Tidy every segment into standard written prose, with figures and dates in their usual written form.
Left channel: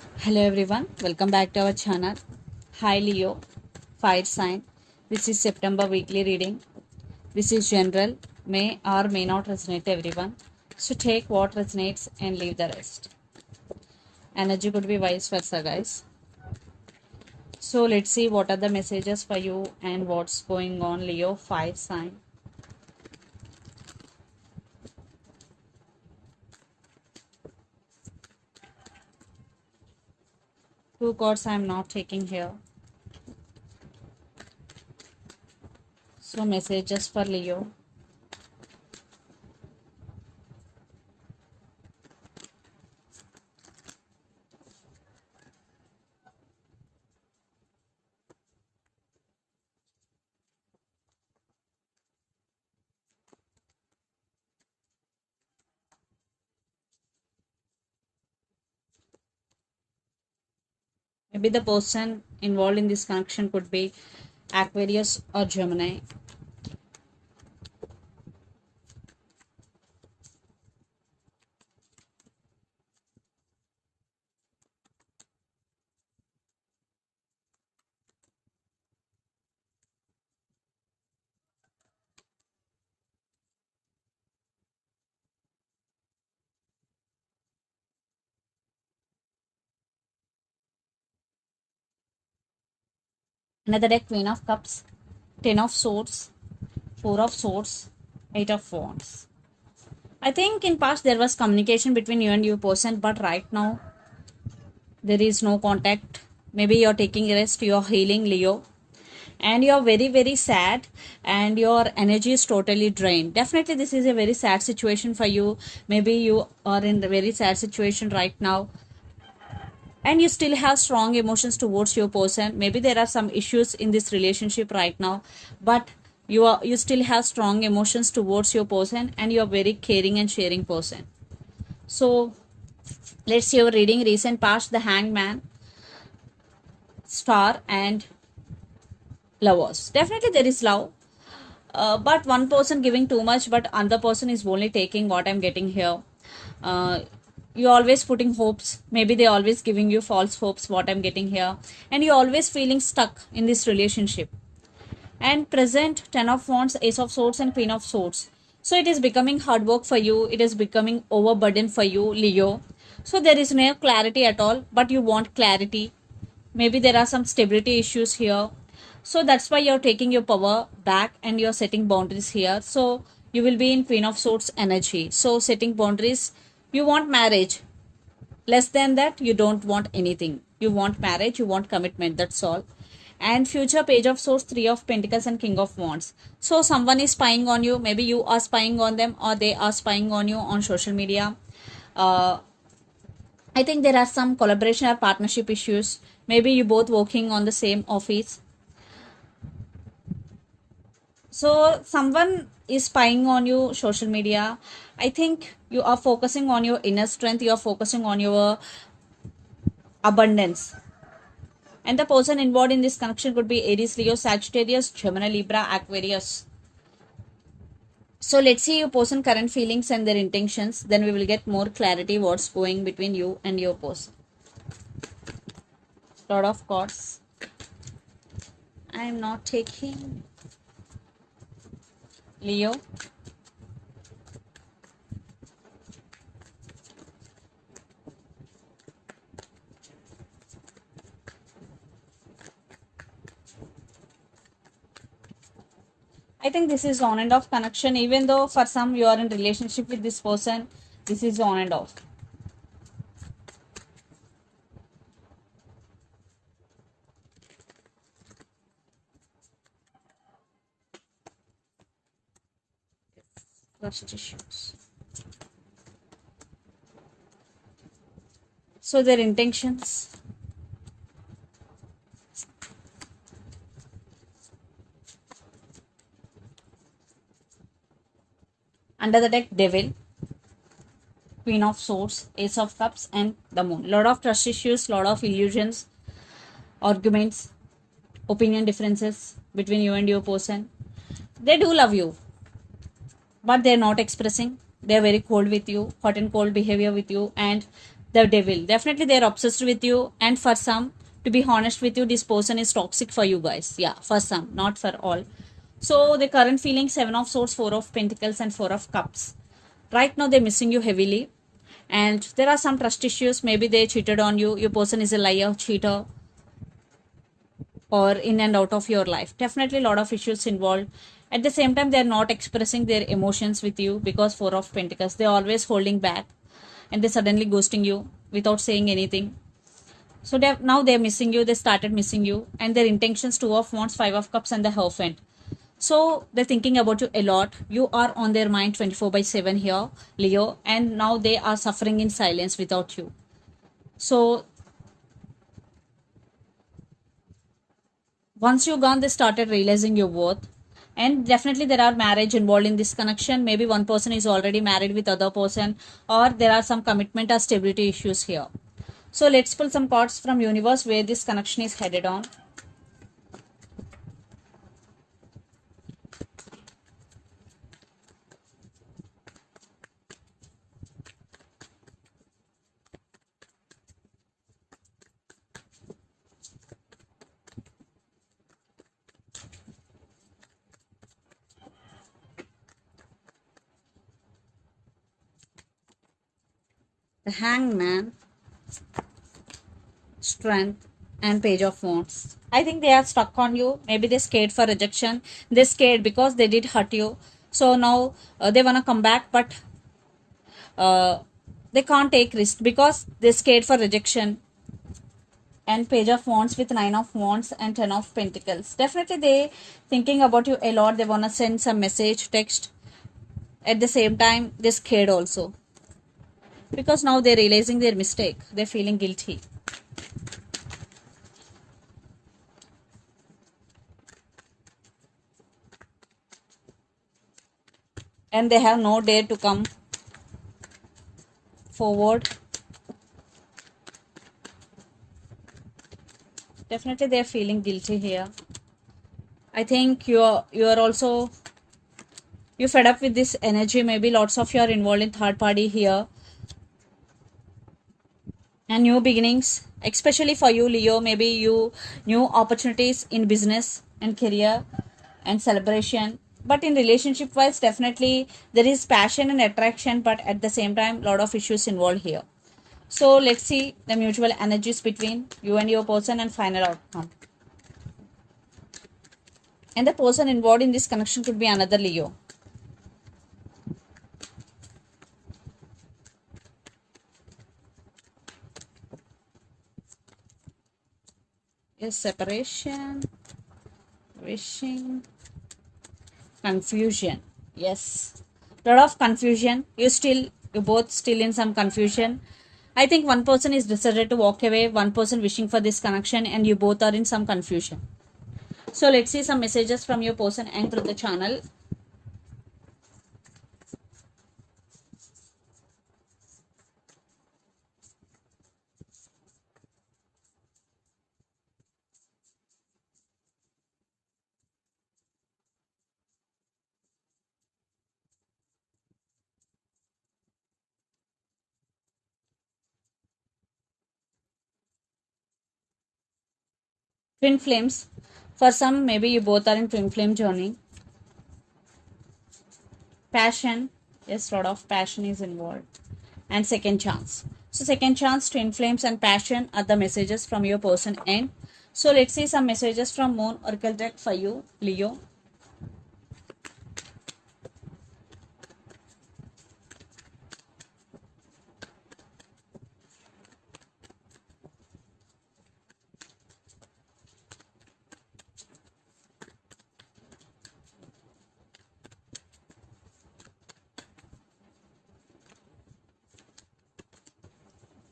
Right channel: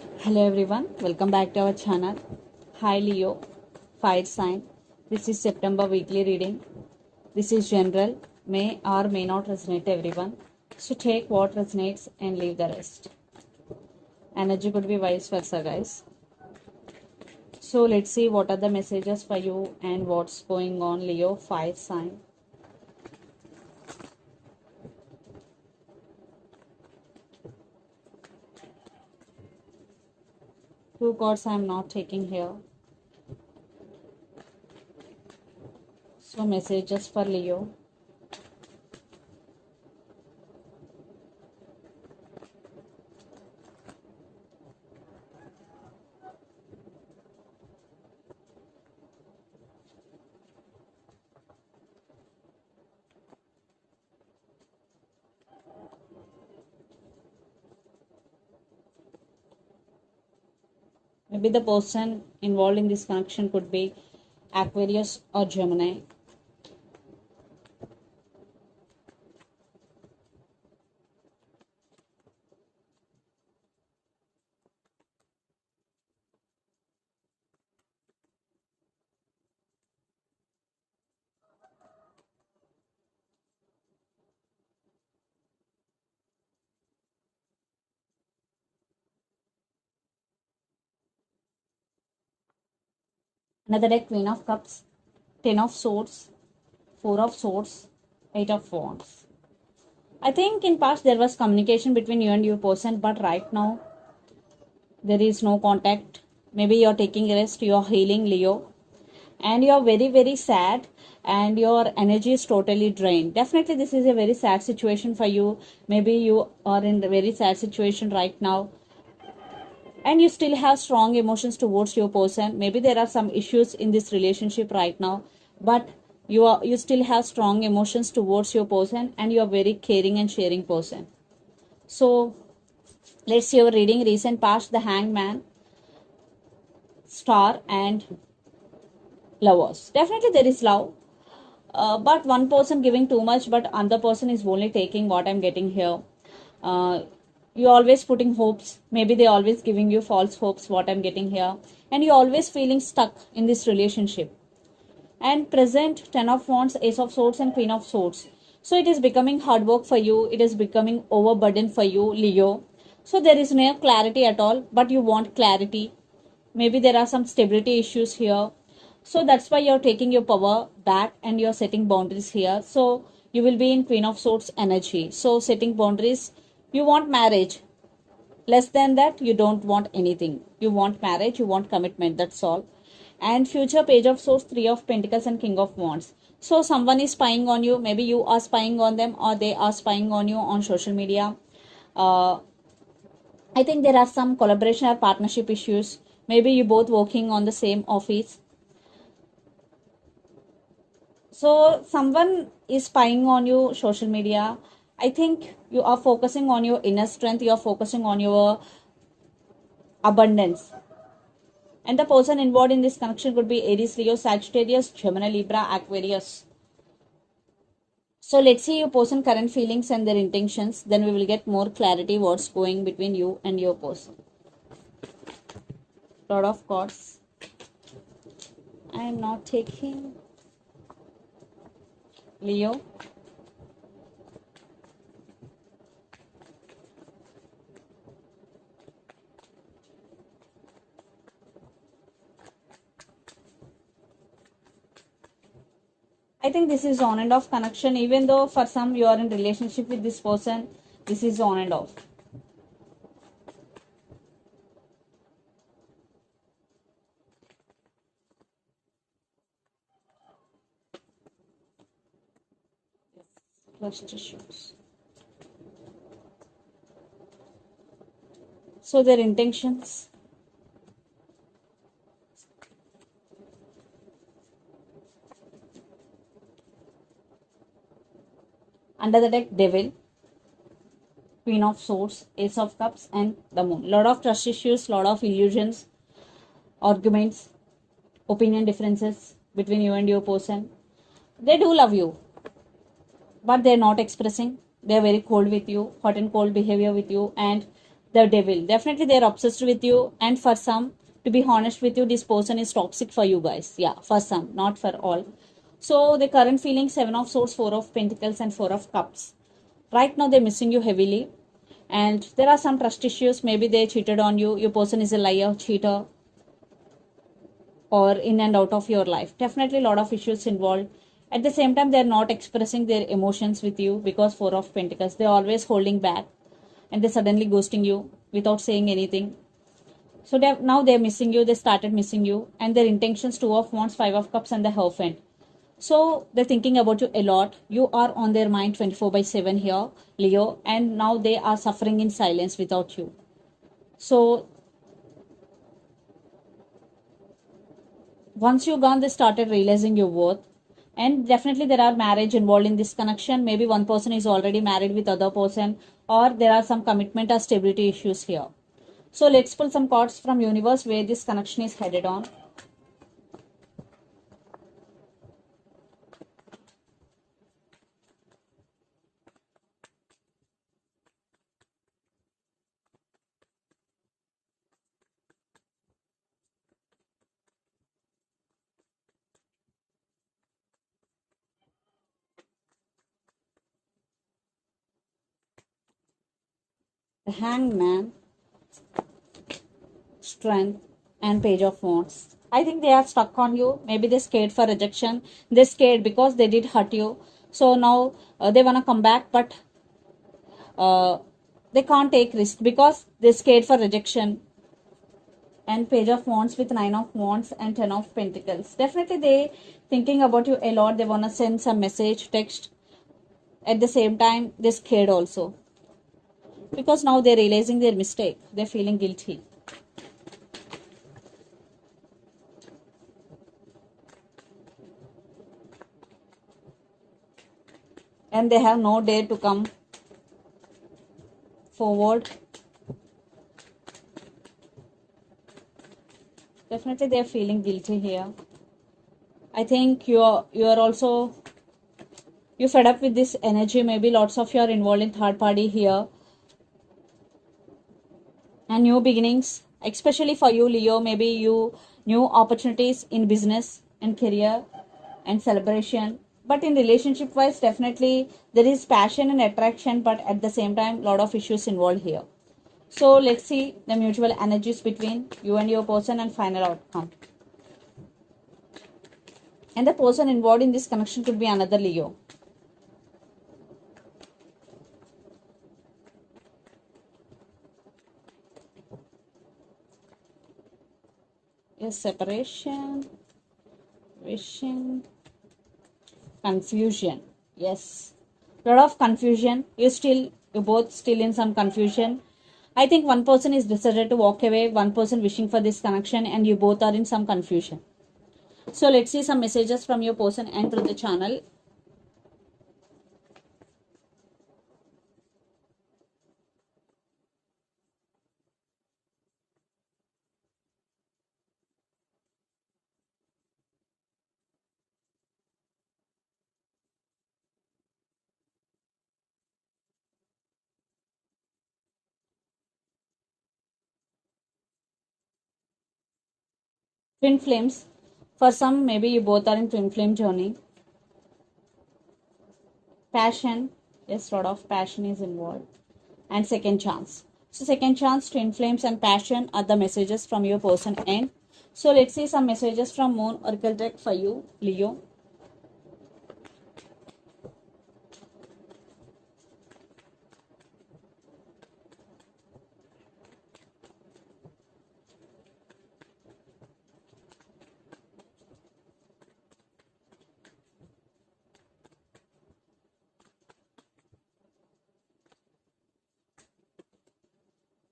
Hello everyone, welcome back to our channel. Hi Leo, fire sign. This is September weekly reading. This is general, may or may not resonate everyone. So take what resonates and leave the rest. Energy could be vice versa, guys. So let's see what are the messages for you and what's going on, Leo, fire sign. Two cards I am not taking here. So messages for Leo. Maybe the person involved in this connection could be Aquarius or Gemini. Another deck, Queen of Cups, Ten of Swords, Four of Swords, Eight of Wands. I think in past there was communication between you and your person, but right now there is no contact. Maybe you're taking rest, you're healing, Leo, and you're very sad, and your energy is totally drained. Definitely, this is a very sad situation for you. Maybe you are in a very sad situation right now, and you still have strong emotions towards your person. Maybe there are some issues in this relationship right now, but you still have strong emotions towards your person, and you are very caring and sharing person. So let's see your reading. Recent past, the Hangman, Star, and Lovers. Definitely there is love, but one person giving too much, but another person is only taking what I'm getting here. uh, you always putting hopes, maybe they always giving you false hopes, what I'm getting here, and you always feeling stuck in this relationship. And present, Ten of Wands, Ace of Swords, and Queen of Swords. So it is becoming hard work for you, it is becoming overburden for you, Leo. So there is no clarity at all, but you want clarity. Maybe there are some stability issues here, so that's why you're taking your power back and you're setting boundaries here. So you will be in Queen of Swords energy, so setting boundaries. You want marriage, less than that you don't want anything. You want marriage, you want commitment, that's all. And future, Page of Swords, Three of Pentacles, and King of Wands. So someone is spying on you, maybe you are spying on them, or they are spying on you on social media. uh, I think there are some collaboration or partnership issues. Maybe you both working on the same office. So someone is spying on you social media. I think you are focusing on your inner strength, you are focusing on your abundance. And the person involved in this connection could be Aries, Leo, Sagittarius, Gemini, Libra, Aquarius. So let's see your person current feelings and their intentions, then we will get more clarity what's going between you and your person. Lot of cards I am not taking, Leo. I think this is on and off connection, even though for some you are in relationship with this person, this is on and off. Trust issues. So their intentions. Under the deck, Devil, Queen of Swords, Ace of Cups, and the Moon. Lot of trust issues, lot of illusions, arguments, opinion differences between you and your person. They do love you, but they're not expressing. They're very cold with you, hot and cold behavior with you, and The devil. Definitely they're obsessed with you. And for some, to be honest with you, this person is toxic for you guys. Yeah, for some, not for all. So the current feeling, 7 of Swords, 4 of Pentacles and 4 of Cups. Right now they're missing you heavily. And there are some trust issues. Maybe they cheated on you. Your person is a liar, cheater, or in and out of your life. Definitely a lot of issues involved. At the same time, they're not expressing their emotions with you because 4 of Pentacles. They're always holding back and they're suddenly ghosting you without saying anything. So now they're missing you. They started missing you. And their intentions, 2 of Wands, 5 of Cups and the Hierophant. So they're thinking about you a lot. You are on their mind 24/7 here, Leo. And now they are suffering in silence without you. So once you're gone, they started realizing your worth. And definitely there are marriage involved in this connection. Maybe one person is already married with other person, or there are some commitment or stability issues here. So let's pull some cards from universe where this connection is headed on. The Hangman, Strength, and Page of Wands. I think they are stuck on you. Maybe they're scared for rejection. They're scared because they did hurt you. So now they want to come back, but uh, they can't take risk because they're scared for rejection. And Page of Wands with 9 of Wands and 10 of Pentacles. Definitely they thinking about you a lot. They want to send some message, text. At the same time, they're scared also. Because now they're realizing their mistake. They're feeling guilty. And they have no dare to come forward. Definitely they're feeling guilty here. I think you're also you're fed up with this energy. Maybe lots of you are involved in third party here. And new beginnings, especially for you, Leo. Maybe you new opportunities in business and career and celebration. But in relationship wise, definitely there is passion and attraction, but at the same time, lot of issues involved here. So let's see the mutual energies between you and your person and final outcome. And the person involved in this connection could be another Leo. Yes, separation, wishing, confusion. Yes, lot of confusion. You both still in some confusion. I think one person is decided to walk away, one person wishing for this connection, and you both are in some confusion. So let's see some messages from your person and through the channel. Twin flames. For some, maybe you both are in twin flame journey. Passion. Yes, lot of passion is involved. And second chance. So second chance, twin flames and passion are the messages from your person end. So let's see some messages from Moon Oracle deck for you, Leo.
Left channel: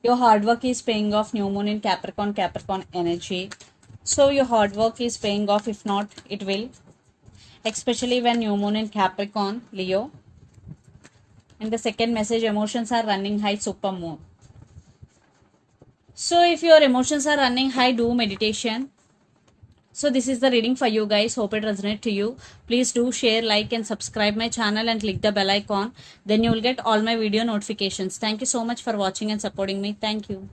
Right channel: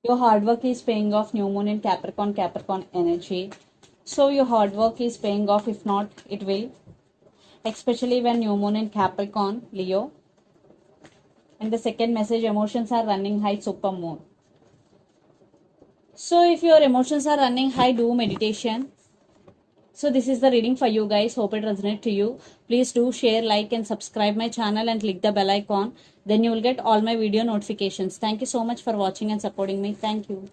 Your hard work is paying off. New Moon in Capricorn, Capricorn energy. So your hard work is paying off. If not, it will. Especially when New Moon in Capricorn, Leo. And the second message, emotions are running high, Super Moon. So if your emotions are running high, do meditation. So this is the reading for you guys. Hope it resonates to you. Please do share, like and subscribe my channel and click the bell icon. Then you will get all my video notifications. Thank you so much for watching and supporting me. Thank you.